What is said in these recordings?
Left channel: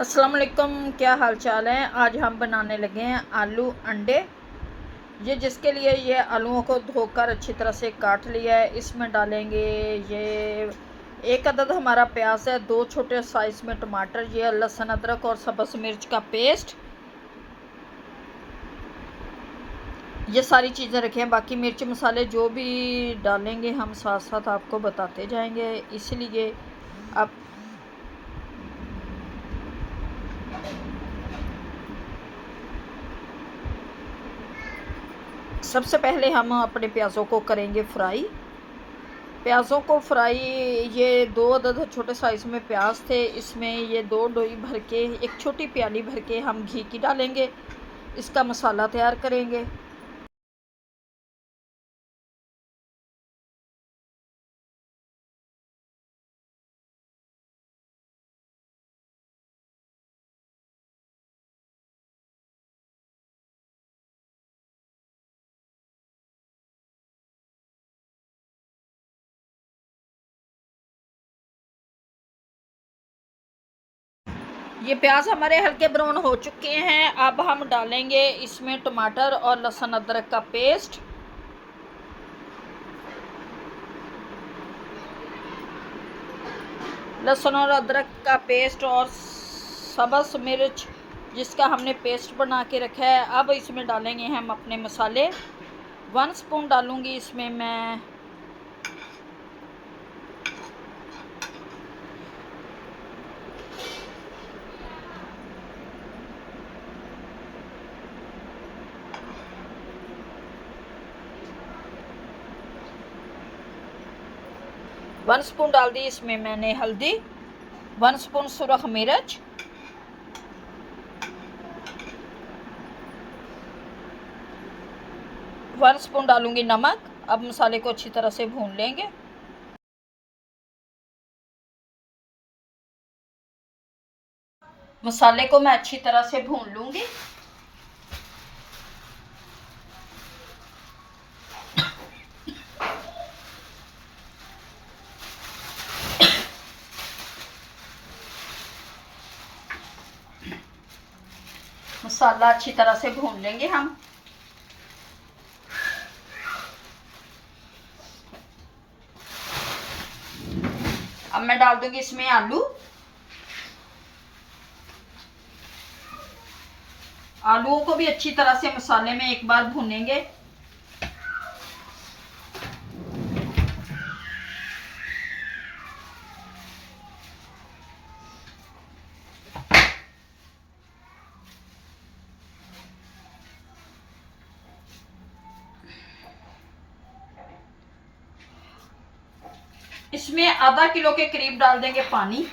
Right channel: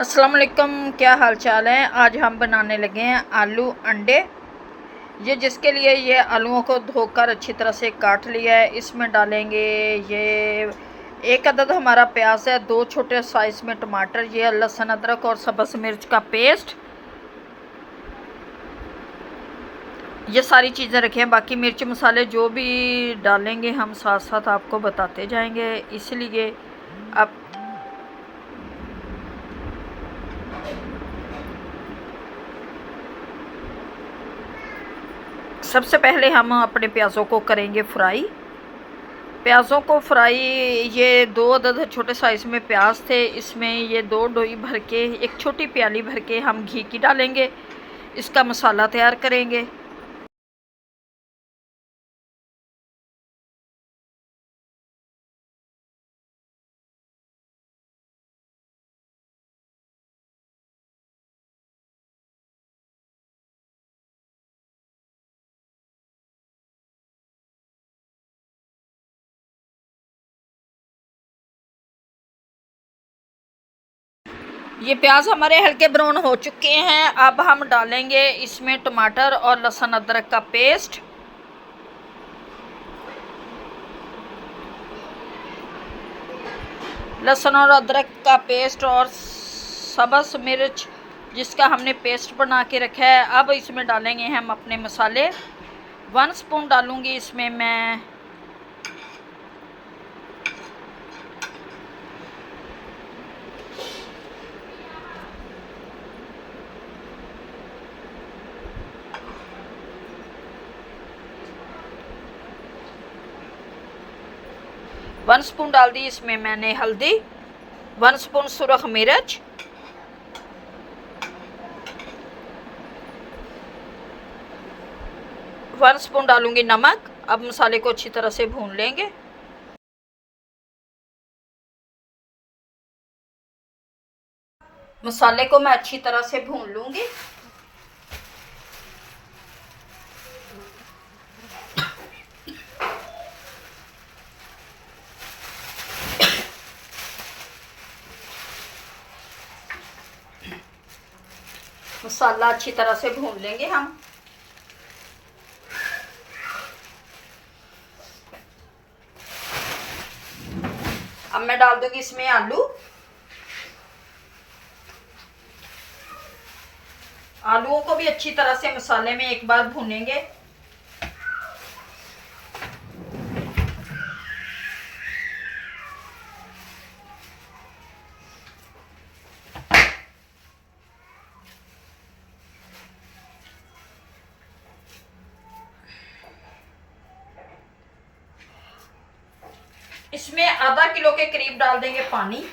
अस्सलाम वालेकुम, क्या हाल चाल है। आज हम बनाने लगे हैं आलू अंडे। ये जिसके लिए ये आलूओं को धोकर अच्छी तरह से काट लिया है। इसमें डालेंगे ये एक अदद हमारा प्याज है, 2 छोटे साइज़ में टमाटर, ये लहसुन अदरक और सब्ज़ मिर्च का पेस्ट, ये सारी चीज़ें रखी हैं। बाकी मिर्च मसाले जो भी डालेंगे हम साथ साथ आपको बताते जाएंगे, इसलिए आप सबसे पहले हम अपने प्याज़ों को करेंगे फ्राई। प्याज़ों को फ्राई, ये 2 अदद छोटे साइज़ में प्याज थे, इसमें ये 2 डोई भर के, एक छोटी प्याली भर के हम घी की डालेंगे। इसका मसाला तैयार करेंगे। ये प्याज हमारे हल्के ब्राउन हो चुके हैं। अब हम डालेंगे इसमें टमाटर और लहसुन अदरक का पेस्ट। लहसुन और अदरक का पेस्ट और सब्ज़ मिर्च जिसका हमने पेस्ट बना के रखा है। अब इसमें डालेंगे हम अपने मसाले। 1 स्पून डालूंगी इसमें मैं वन स्पून डाल दी इसमें मैंने हल्दी, 1 स्पून सुरख मिर्च, 1 स्पून डालूंगी नमक। अब मसाले को अच्छी तरह से भून लेंगे। मसाले को मैं अच्छी तरह से भून लूंगी। मसाला अच्छी तरह से भून लेंगे हम। अब मैं डाल दूंगी इसमें आलू। आलूओं को भी अच्छी तरह से मसाले में एक बार भूनेंगे। इसमें आधा किलो के करीब डाल देंगे पानी।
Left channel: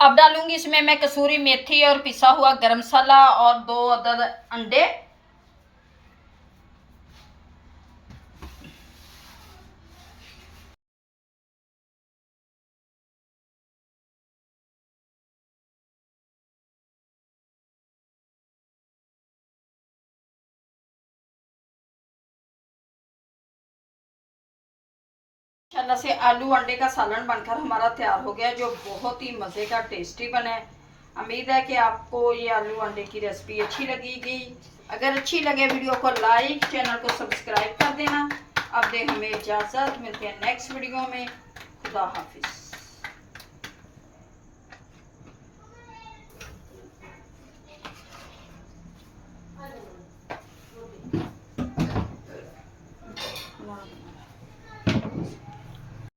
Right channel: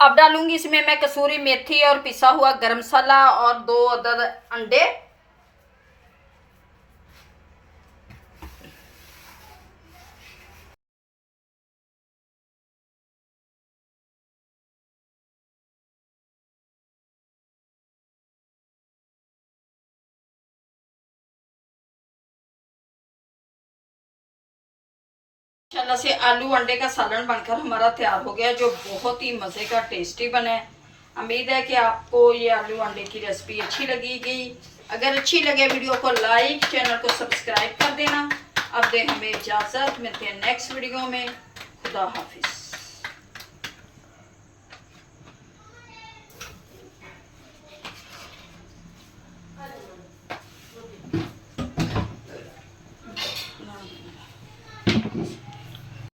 अब डालूंगी इसमें मैं कसूरी मेथी और पिसा हुआ गरम मसाला और 2 अदद अंडे। माशाल्लाह से आलू अंडे का सालन बनकर हमारा तैयार हो गया, जो बहुत ही मज़े का टेस्टी बना है। उम्मीद है कि आपको ये आलू अंडे की रेसिपी अच्छी लगेगी। अगर अच्छी लगे वीडियो को लाइक, चैनल को सब्सक्राइब कर देना। अब दे हमें इजाज़त, मिलते हैं नेक्स्ट वीडियो में। खुदा हाफिज़।